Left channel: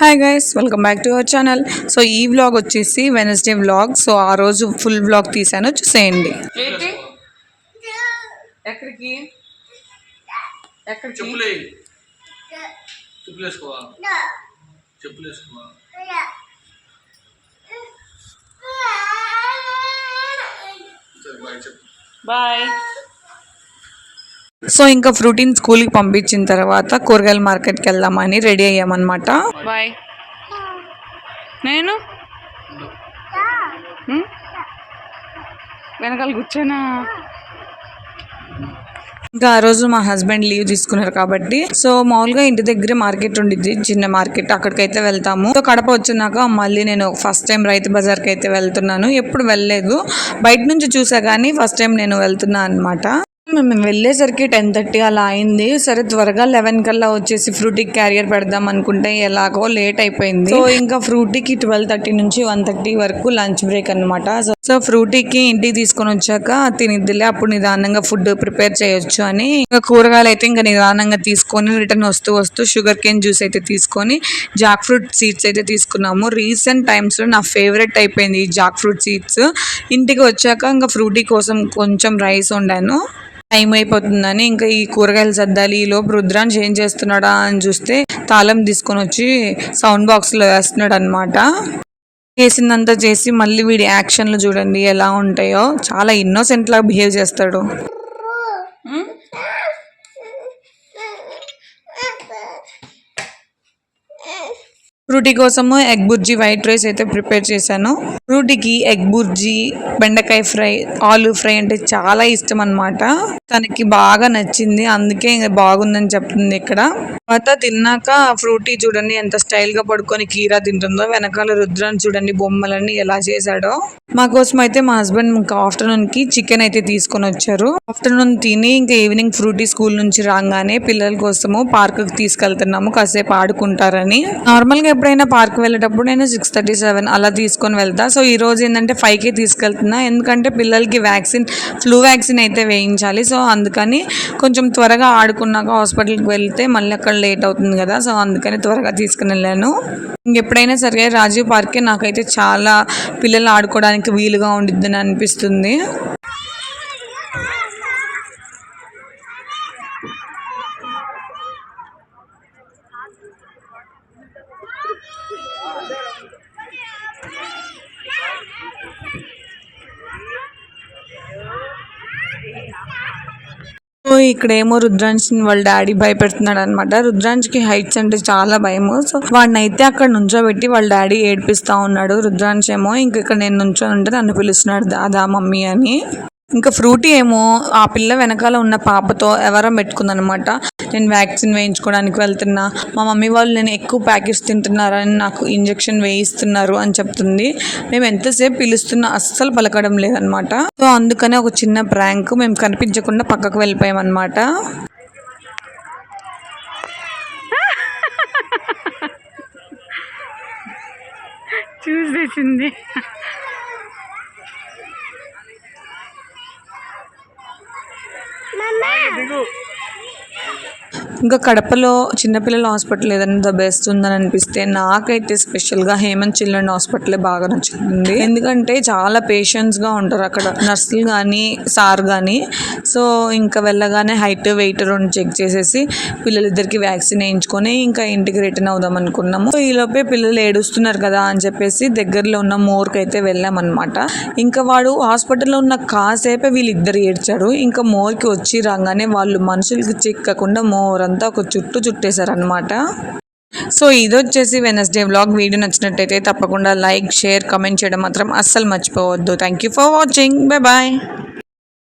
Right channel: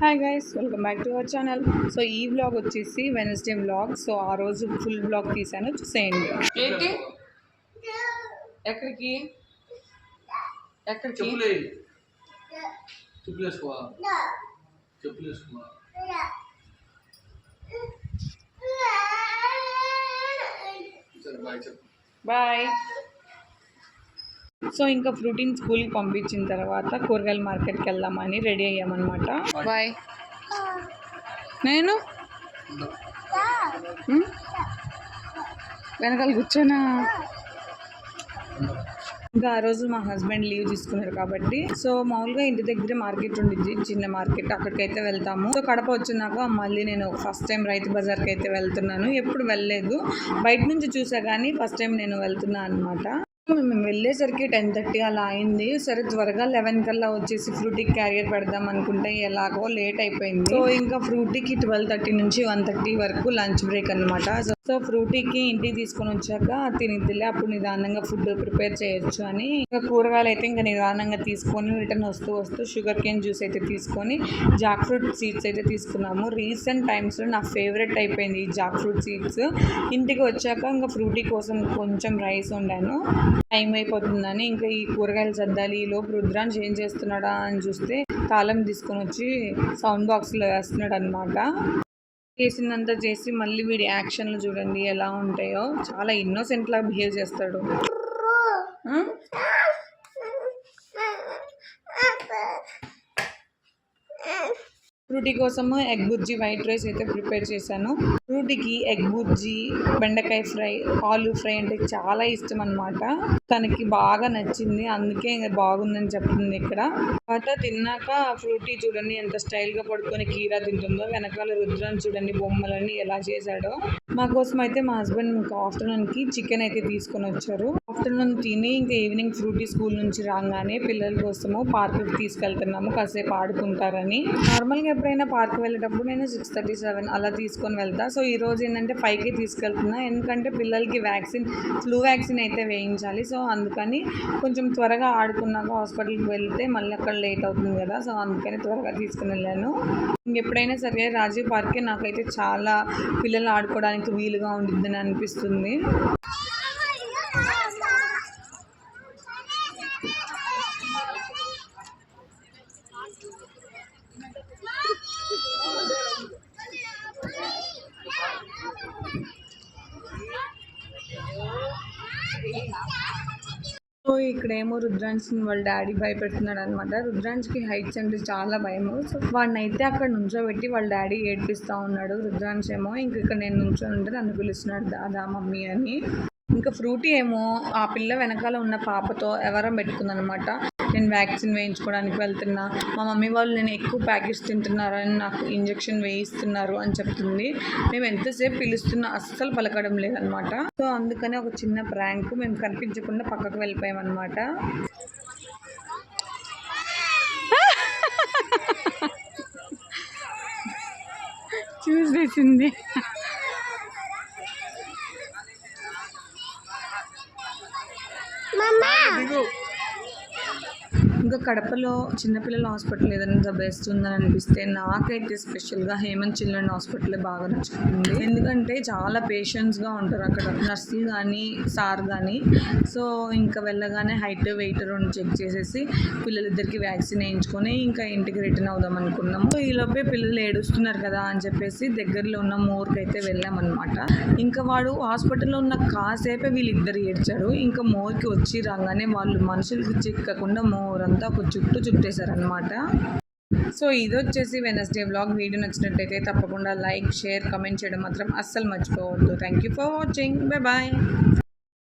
Hi guys, welcome back to our channel. So ఈ vlog వచ్చేసి Wednesday vlog. So ఆ రోజు ఫుల్ వ్లాగ్ తీసాను, చూసేయండి. ఎక్కడికి బాయ్. సో ఇంకా ఫ్రూటీన్ స్కూల్కి పంపించిన తర్వాత కూరగాయల మార్కెట్కి వెళ్దామని రెడీ అయ్యామన్నమాట. బాయ్. నేను వెనకాల కూర్చోనా. ఇంకా ఆ రోజు మా హస్బెండ్ లీవ్ తీసుకున్నారు కాబట్టి సో మామూలుగా ఇంటి దగ్గరే మార్కెట్ ఉండిద్ది, చిన్న మార్కెట్, అక్కడికైతే వెళ్తాము. సో కడప వచ్చినాక మళ్ళీ నేను ఫస్ట్ టైం రైతు బజార్కి అయితే వెళ్తున్నాను. ఎప్పుడు వెళ్ళలేదు, బయట నుంచి చూసా కానీ ఫస్ట్ టైం నేను వెళ్తున్నా అనమాట. మేము వెళ్ళేసరికి 10:30 అలా అయింది. సరే త్వరగా 11 కల్లా వచ్చేసి ఫ్రూటీకి క్యారియర్ పెడదాం అనుకుంటే ఎలాగో లేట్ అయిపోయింది. సో ఇంకా ఫ్రూటీకి 12:30 నుంచి 1:30 వరకు లంచ్ బ్రేక్ అనమాట. సో ఫ్రూటీకి ఇంటికి తీసుకొని వచ్చాక తినిద్దిలే, అప్పుడు నిదానంగా ఫుడ్ ప్రిపేర్ చేయొచ్చు అని ఇంకా కూరగాయలు అయితే ఇంకా నిదానంగా తీసుకొని రిటర్న్ వస్తూ షుగర్ కేన్ జ్యూస్ అయితే తీసుకొని జాక్ ఫ్రూట్ సీడ్స్ అయితే తీసుకున్నాము. రీసెంట్ టైమ్స్లో నా ఫేవరెట్ అయిపోయింది ఈ జాక్ ఫ్రూట్ సీడ్స్. ఇంటికి వచ్చాక ఇంకా ఫ్రూటీ కోసం కొంచెం రైస్ వండాను. టైం అయిపోతుందని ఇంకా ఈ కూరగాయలు సర్దాలి. ఈలోపు రుద్రాన్ని ఏం చేస్తున్నాడా అని చూస్తే తాళం తీసుకొని వచ్చి సౌండ్ బాక్స్లో వేస్తున్నాడు అనమాట. చేసిందంతా చేసి మళ్ళీ వీడి యాక్షన్లు చూడండి ఎలా ఉంటాయో. చాలా ఇన్నోసెంట్ లాగా బిహేవ్ చేస్తాడు. ఫ్రూటీ కోసము ఎగ్ బుర్జీ వైట్ రైస్ అయితే ప్రిపేర్ చేశాను. ఫ్రూటీకి ఎగ్ బుర్జీ, బెండకాయ ఫ్రై, ఆలూ ఫ్రై అంటే చాలా ఇష్టం అనమాట. తనకి బాగా నచ్చింది, అందుకే బాగుందని చెప్తుంది ఇక్కడ. తర్వాత తిన్నాక ఫ్రూటీ చూడండి ఎంత స్టైల్ గా పడుకొని కీరా తింటుందో. వెనకాల రుద్రాన్ని చూడండి బొమ్మలన్నీ ఎలా చేశాడో. మా కోసం అయితే మా హస్బెండ్ ఇంకా ఆఫ్టర్నూన్ కి చికెన్ అయితే తీసుకొని వచ్చారు. ఆఫ్టర్నూన్ తిని ఇంకా ఈవినింగ్ ఫ్రూటీ స్కూల్ నుంచి రాగానే పిల్లల కోసము పార్క్ కి తీసుకెళ్తున్నాము, కాసేపు ఆడుకుంటారని. నార్మల్ గా ఎప్పుడైనా పార్క్ వెళ్ళేటప్పుడు నేను 6:37 అలా తీసుకొని వెళ్తా. సో ఈ రోజు ఏంటంటే 5కి తీసుకెళ్తున్నా, ఎందుకంటే పిల్లలకి ఫ్లూ వ్యాక్సిన్ అయితే వేయించాలి. సో అందుకని కొంచెం త్వరగా ఆడుకున్నాక హాస్పిటల్కి వెళ్తే మళ్ళీ అక్కడ లేట్ అవుతుంది కదా. సో అందుకని త్వరగా తీసుకుని వెళ్ళాను. ఇంకెప్పుడైనా సరే రాజీవ్ పార్కే నాకైతే చాలా పిల్లలు ఆడుకోవడానికి వీలుగా ఉండిద్దని అనిపిస్తుంది. ఇక్కడేమో రుద్రాంశ్ని వాళ్ళ డాడీ భయపెడుతున్నాడు అనమాట. రుద్రాంశ్కి హైట్స్ అంటే చాలా భయము. సో వాడిని అయితే అక్కడ నుంచోబెట్టి వాళ్ళ డాడీ ఏడిపిస్తా ఉన్నాడు. రుద్రాంశ్ ఏమో ఇంక ఇక్కడ నేను నుంచొని ఉంటే నన్ను పిలుస్తున్నాడు దాదా మమ్మీ అని. ఇంకా ఫ్రూటీ ఏమో ఆ పిల్ల వెనకాల ఉన్న పాపతో ఎవరో పెట్టుకుందనమాట. నేను వ్యాక్సిన్ వేయించుకోవడానికి వెళ్తున్నా, మా మమ్మీ వాళ్ళు నేను ఎక్కువ ప్యాకెట్స్ తింటున్నారని నాకు ఇంజెక్షన్ వేయిస్తున్నారు అని చెప్తుంది. మేము ఎంతసేపు పిలుస్తున్నా అస్సలు పలకడం లేదనమాట. సో అందుకనే ఒక చిన్న ప్రాంక్, మేము కనిపించకుండా పక్కకు వెళ్ళిపోయామన్నమాట. చూసేసింది. ఇంకా కడపలో చిన్నపిల్లల హాస్పిటల్ ఏదైనా ద బెస్ట్ ఉందని అనిపిస్తే నాకైతే స్పెషల్గా హేమంత్ చిల్డ్రన్ హాస్పిటలే బాగా నచ్చుతుంది. ఎందుకంటే చాలా పేషెంట్స్గా ఉంటారు అక్కడ నర్సులు కానీ సార్ కానీ. సో ఇంకా వెళ్ళగానే హైట్ వెయిట్ రెండు చెక్ చేసేసి పిల్లలిద్దరికి వ్యాక్సిన్ వేయించుకొని ఇంకా ఇంటికి రిటర్న్ అవుదాం అనుకున్నాము. సో ఈలోపే పిల్లలు ఏడుస్తున్నారు కదా అని చెప్పేసి దగ్గరలో ఉన్న మోర్కి అయితే వెళ్ళామన్నమాట. ఇంకా వాడు హాస్పిటల్లో ఉన్న కాసేపే వీళ్ళిద్దరు ఏడ్చారు. ఇంకా మోర్కి వచ్చి రాగానే వాళ్ళు మనుషులకి చిక్కకుండా మోర్ అంతా ఒక చుట్టేశారనమాట. సో ఇది వచ్చేసి వెనస్డే వ్లాగ్. వీడియో నచ్చినట్టయితే తప్పకుండా లైక్, షేర్, కమెంట్ చేయడం మాత్రం అస్సలు మర్చిపోవద్దు. Thank you for watching. Bye bye.